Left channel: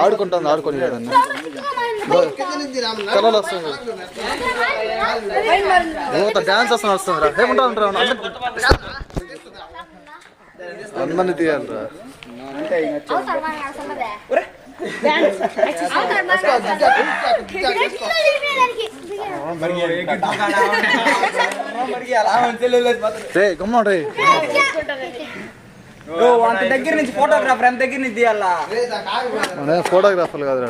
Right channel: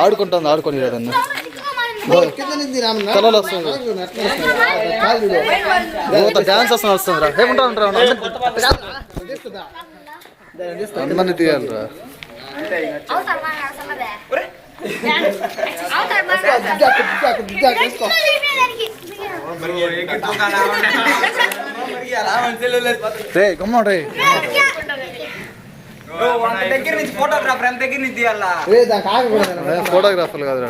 ఆడుకుంటుంది ఆడుకొని కదన్నా కళలు వస్తుంది డాన్స్ వస్తుంది వస్తుందిరా ఏముంటా ఉంటారా అందరినీ తీయాలిరా రే గమ్మ రే దగ్గర నుంచి ఫోటోగ్రాఫర్ ఎంత దగ్గర నుంచి తీయాలా ఫోటోగ్రాఫర్లు కాదు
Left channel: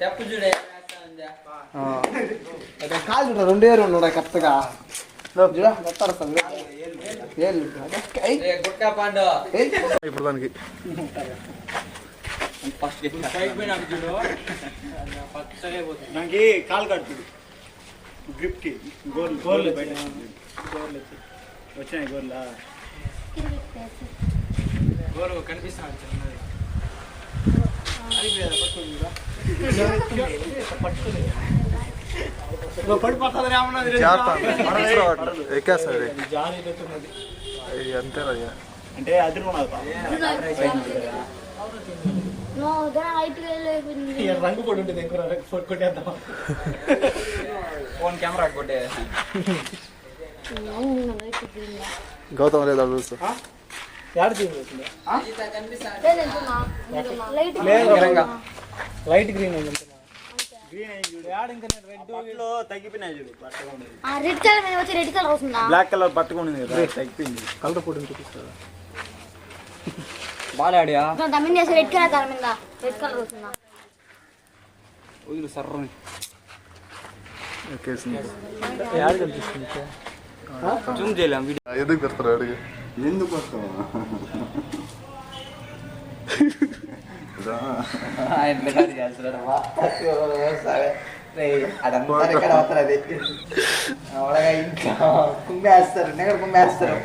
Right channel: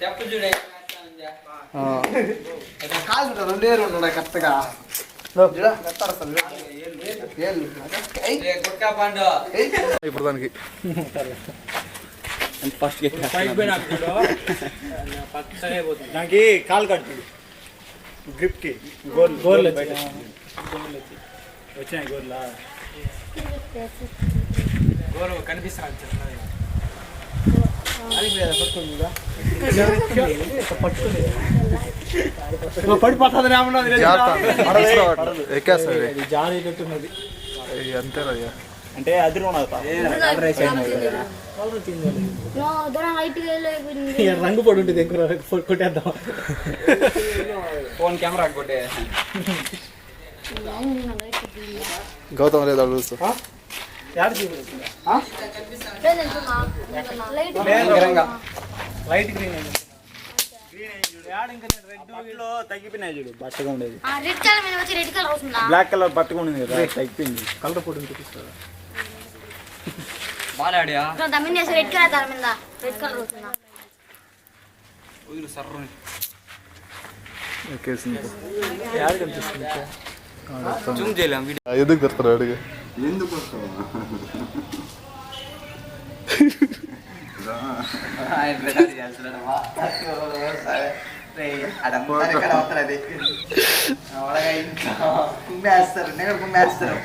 చెప్పు చూడే కాదు 2 ఏళ్ళు ఉన్నాయి కరెక్ట్గా ఇప్పుడు దానికి నాకు కాలు కడుతుంది గ్రిప్కి గోర్లు వచ్చినాయి గోర్లు కనిపిస్తున్నాను ఎక్కేస్తుంది అంతేనయ్యా అంటే అది రంగు పడి ఉంటుంది కొట్టేద్దాం ఫోన్ కెమెరా కొట్టే గౌతమ్ లేదా చూస్తా లైట్ గ్రీన్ తగ్గిపోయినాయి చూడు బట్టగా ఉండేది బ్లాక్ కలర్ బట్టగా ఉండేది కదా తగ్గిపోయింది కలర్ పొడి చూపిస్తారా బాగా ఆడియా రెడ్ కలర్ దాని మీద రెడ్ కలర్ వస్తుందా వదులు సర్రని యాడ్ కనిపిస్తుంది జూమ్ చేయలేం వీడియో ఎందుకు పెడతారు అడిగి ఎందుకు వస్తావా కుమ్మేస్తారు నేను కుమ్మేస్తారు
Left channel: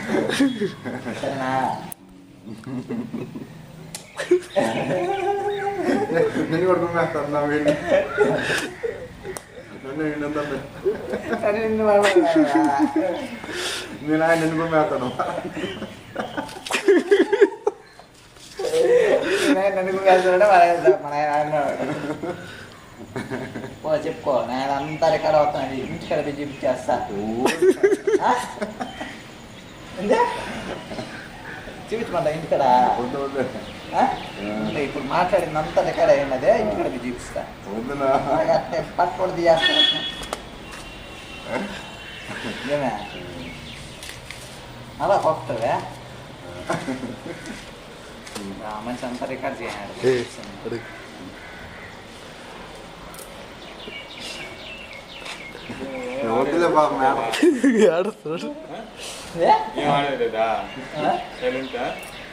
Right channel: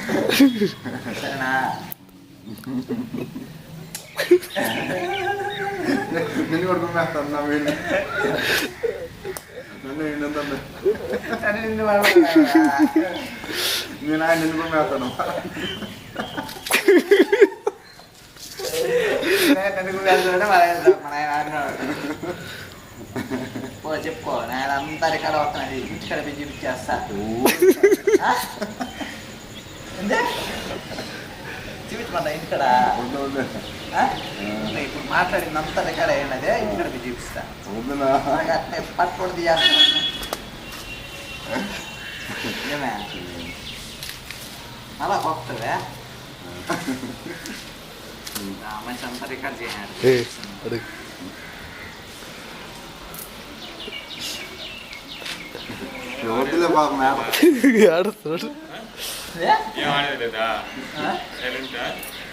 నేను కూడా కుమ్మేస్తాను నా వీళ్ళు నేను ఆయన నిన్ను కుమ్మేస్తాను చెప్పుకో నేను అంతా రికార్డ్ అవుతున్నాను ఇంటికాడ పెట్టి చూపించేస్తా చూపించమంట ఇంటికాడ ఇప్పుడు మాట్లాడిందంతా రికార్డ్ అయినదే ఇంటికాడ పెట్టి చూపిస్తా పట్టుకోండి తీయేస్తాను ఏమే అలా కొత్తవే మంచి అంతా రికార్డ్ చేయాలి వద్దులే బాబు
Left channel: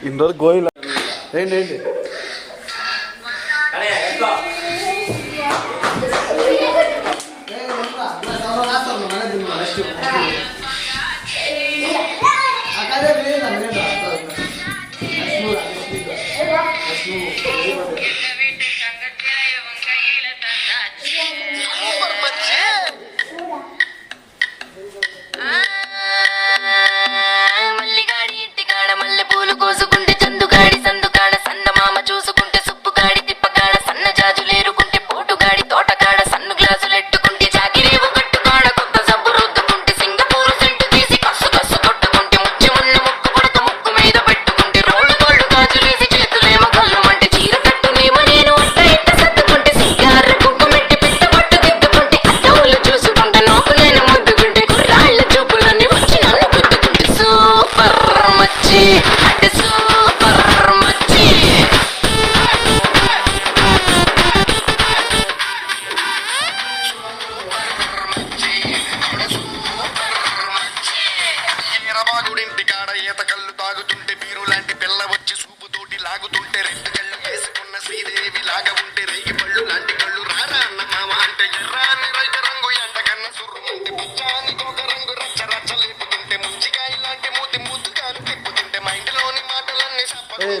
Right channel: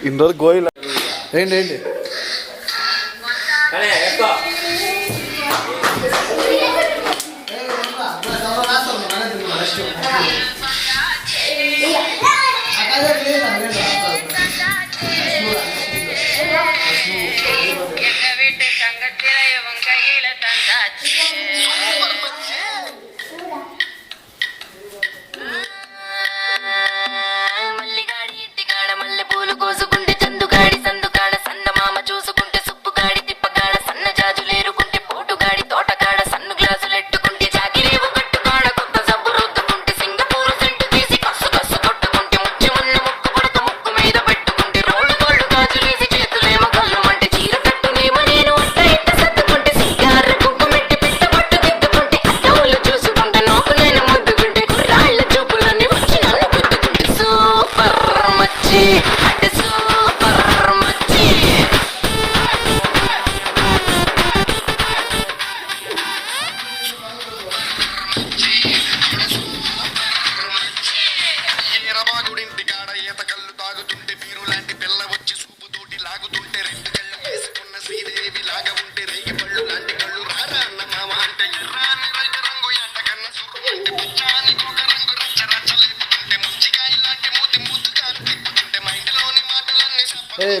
ఇన్ని రోజులు గోయిల్ ఏంటి ఏంటి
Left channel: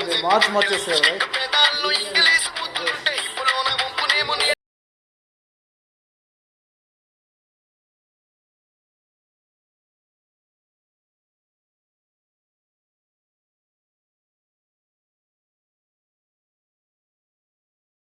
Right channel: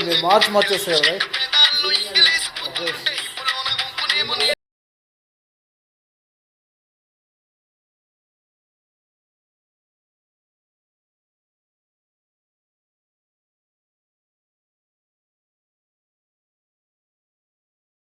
మీరు మార్చి మార్చేస్తారు కదా కళ్ళల్లో ఇంగిలేసి ముద్దుంటే